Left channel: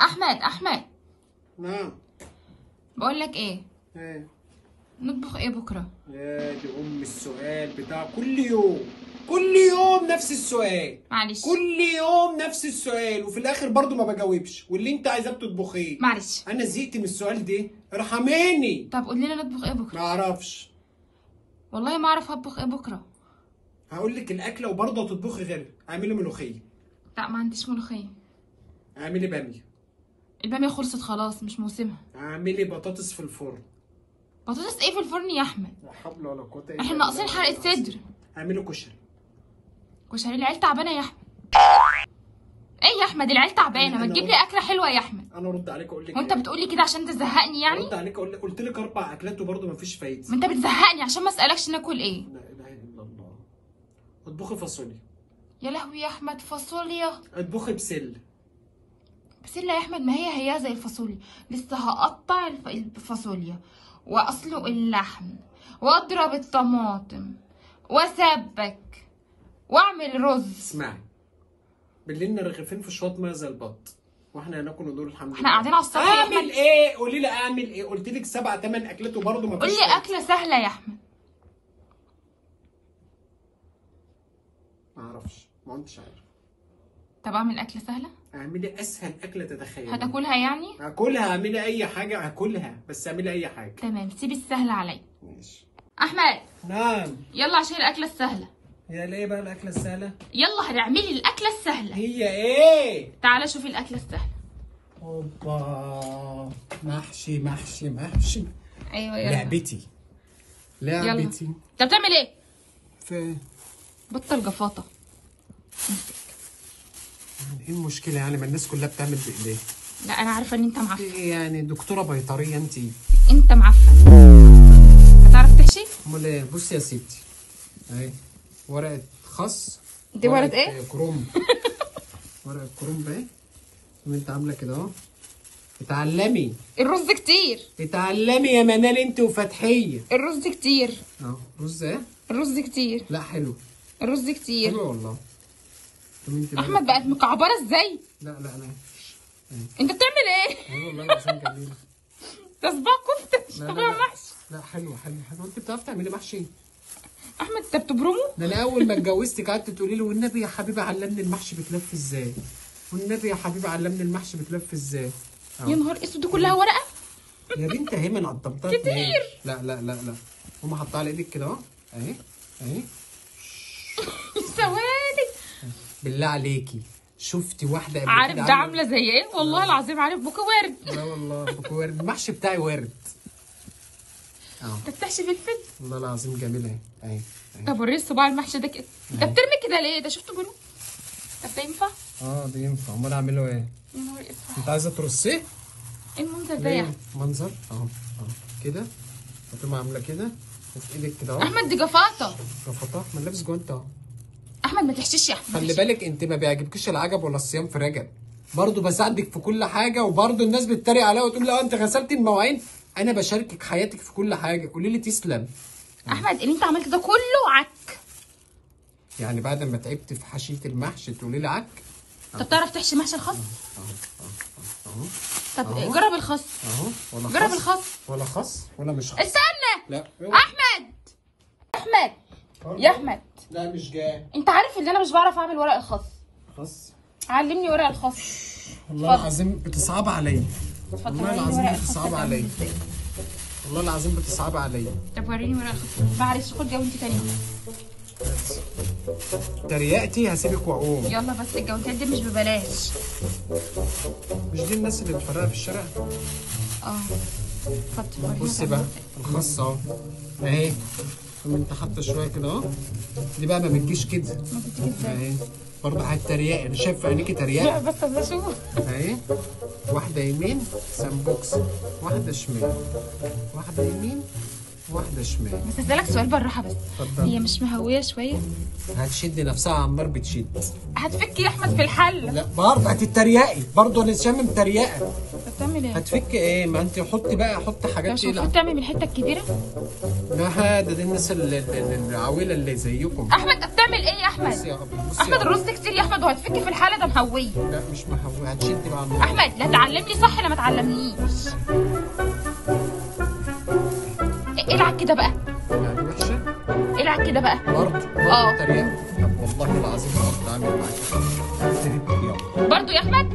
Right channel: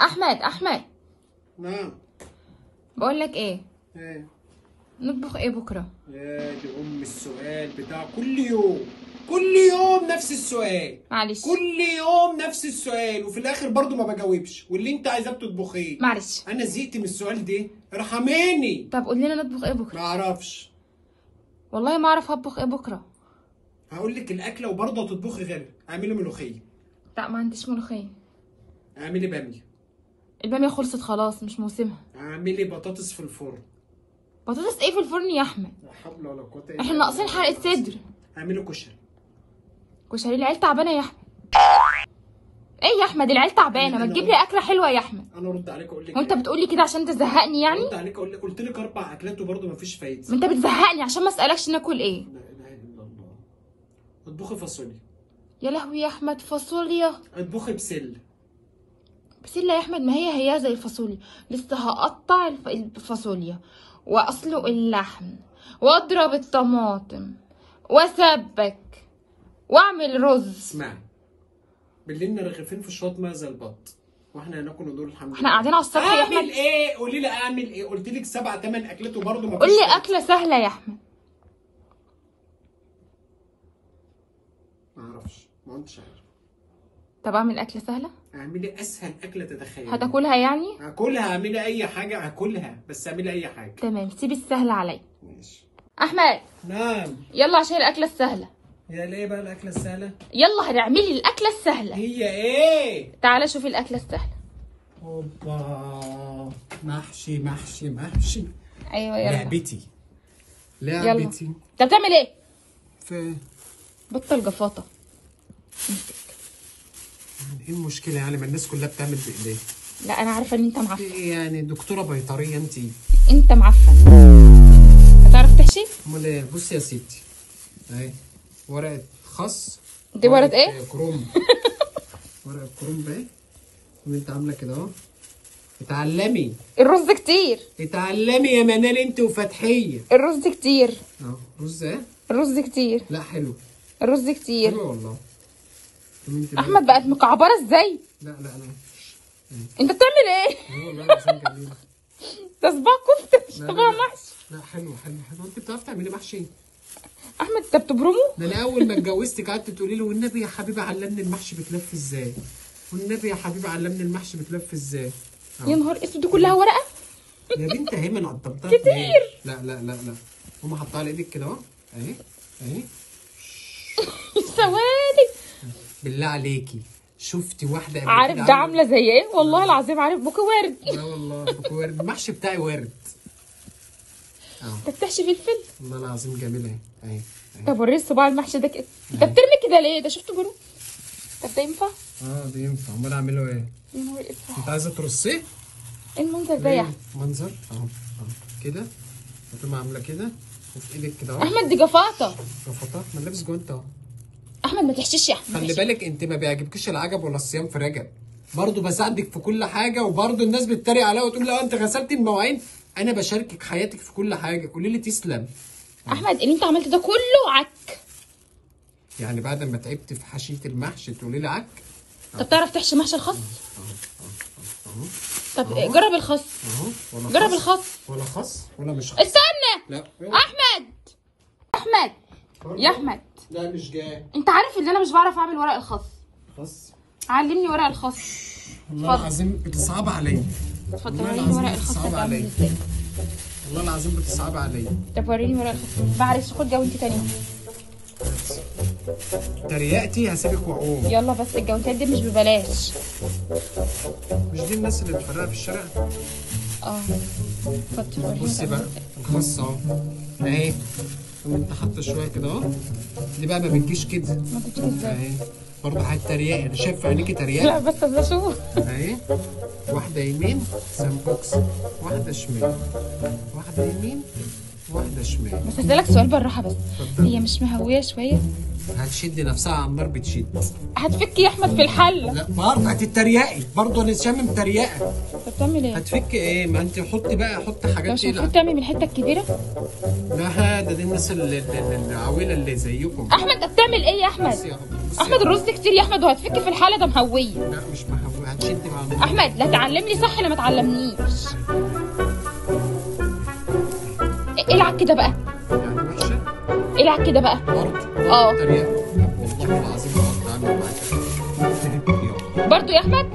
احمد. نعم. بقول لك ايه؟ ايه؟ نطبخ ايه بكره؟ يا دي السؤال بتاع كل يوم نفس السؤال. معلش كل يوم نفس السؤال وفي الاخر برضو ما بجاوبش، واللي انت عايزاه بتطبخيه. معلش انا زهقت من السؤال ده، ارحميني. طب قول لنا نطبخ ايه بكره؟ ما اعرفش. والله ما اعرف اطبخ ايه بكره. هقول لك الاكله وبرضه هتطبخي غيرها. اعملي ملوخيه. لا ما عنديش ملوخيه. اعملي باميه. الباميه خلصت خلاص مش موسمها. اعملي بطاطس في الفرن. بطاطس ايه في الفرن يا احمد؟ لا حول ولا قوه الا بالله. احنا ناقصين حلقه صدر. اعملي كشري. كشري؟ العيال تعبانه يا احمد. ايه يا احمد العيال تعبانه، ما تجيب لي اكله حلوه يا احمد. انا ارد عليك اقول لك وانت بتقول لي كده عشان تزهقني يعني؟ ارد عليك اقول لك قلت لك 4 اكلات وبرضه ما فيش فايده. ما انت بتزهقني عشان ما اسالكش ناكل ايه. لا اله الا الله. اطبخي فاصوليا. يا لهوي يا احمد فاصوليا. اطبخي بسله. بسله يا احمد؟ ما هي زي الفاصوليا. لسه هقطع الفاصوليا واسلق اللحم واضرب الطماطم واسبك واعمل رز. اسمعي، بالليل رغيفين في شويه ميه زي البط واحنا هناكل ودول الحمد لله. احنا قاعدين على السطح. اعمل ايه؟ قولي لي اعمل ايه؟ قلت لك 7 8 اكلات وبرضه ما فيش. قول لي اكله سهله يا احمد. ما اعرفش، ما انتش عارف. طب اعمل اكله سهله. اعملي اسهل اكله تتخيلي. هتاكلها يعني؟ هاكلها. اعملي اي حاجه هاكلها، بس اعملي اي حاجه. تمام سيب السهل عليا. ماشي. احمد نعم. يلا عشان الاكله السهله. هي ليه بقى الاكله السهله؟ يلا هتعملي الاكله السهله. هي ايه؟ تعالى شوفي الاكله السهله. اوبا، محشي محشي محشي. ايوه يلا. لعبتي. انت بتعمل ايه؟ في بطل جفاطه. ايه المشكله يعني؟ ما الناس كلها بتعمل بايديها. لا انا عارفه ان انت معفن. ايه يعني دكتوره بيطريه انت؟ انت معفن. هتعرف تحشي؟ امال ايه؟ بصي يا ستي اهي ورقه خس. دي ورقه ايه؟ كرومب. ورقه كرومب اهي. وانت عامله كده اهو. اتعلمي. الرز كتير. اتعلمي يا منال انت وفتحيه. الرز كتير. اهو رز ايه؟ الرز كتير. لا حلو. الرز كتير. حلو والله. احمد بقت مكعبره ازاي؟ لا انت بتعمل ايه؟ ايوه والله العظيم جميله. ده صباع كفته مش صباع محشي. لا حلو. انت بتعرفي تعملي محشي؟ احمد انت بتبرمه؟ ده انا اول ما اتجوزتك قعدت تقولي له والنبي يا حبيبي علمني المحشي بتلف ازاي، والنبي يا حبيبي علمني المحشي بتلف ازاي. يا نهار اسود دي كلها ورقه؟ يا بنت اهي ما انا قطمتها كتير. لا قومي حطها على ايدك كده اهو. اهي ثواني. بالله عليكي شفتي واحده قبل عارف كده ده عامله زي ايه؟ والله العظيم عارف بوكو ورد. لا والله بوكو ورد. المحشي بتاعي ورد. انت بتحشي فلفل؟ والله العظيم جميله اهي. طب وريني الصباع المحشي ده كده. انت بترمي كده ليه؟ ده شفته برو. طب ده ينفع؟ ده ينفع. امال اعمله ايه؟ يا نهار اسود. انت عايزه ترصيه؟ ايه المنظر ده يا احمد؟ منظر اهو كده. هتقوم عامله كده وفي ايدك كده اهو. احمد دي جفاطه. جفاطه؟ ما لابس جوانت اهو. احمد ما تحشيش يا احمد. خلي بالك انت ما بيعجبكيش العجب ولا الصيام في رجب. برضه بساعدك في كل حاجه وبرضه الناس بتتريق عليا وتقول لي انت غسلت المواعين. انا بشاركك حياتك في كل حاجه. قولي لي تسلم. احمد اللي انت عملته ده كله عك. يعني بعد ما تعبت في حشيه المحشي تقولي لي عك؟ طب تعرف تحشي محشي الخس؟ اهو. طب جرب الخس. اهو. ولا جرب خس الخس. ولا خس ولا مش خس. استنى. لا احمد يا احمد. لا مش جاي. انت عارف ان انا مش بعرف اعمل ورق الخس. خس. علمني ورق الخس. والله العظيم بتصعب عليا. والله العظيم بتصعب عليا. والله العظيم بتصعب عليا. طب وريني ورق الخس. معلش خد جوانتي تاني. تريقتي هسيبك واقوم. يلا بس الجوانتات دي مش ببلاش. مش دي الناس اللي بتفرقها في الشارع؟ بصي بقى الخاص اهو اهي. انت حاطه شويه كده اهو. دي بقى ما بتجيش كده اهي. برضه هتريقي. انا شايف في عينيكي تريقه. لا بس بشوف اهي. واحده يمين سمبوكس، واحده شمال، واحده يمين واحده شمال. بس اسالك سؤال بالراحه بس. اتفضل. هي مش مهويه شويه؟ هتشد نفسها على النار بتشد. هتفك يا احمد في الحل. لا برضه هتتريقي، برضه انا شامم تريقه. انت بتعمل ايه؟ هتفك ايه؟ ما انت حطي بقى، حط حاجات مش ايه. المفروض تعمل من الحته الكبيره؟ لا ده دي الناس العويله اللي زيكم. احمد انت بتعمل ايه يا احمد؟ بصي يا أبو، بصي احمد يا أبو. الرز كتير يا احمد وهتفك في الحاله، ده مهويه. لا مش مهوي، هتشد مع النار. احمد لا تعلمني صح لا ما تعلمنيش. العب كده بقى. يعني وحشه؟ العب كده بقى. برضه تريقه. والله العظيم ما هقدر اعمل معاك. برضو يا احمد.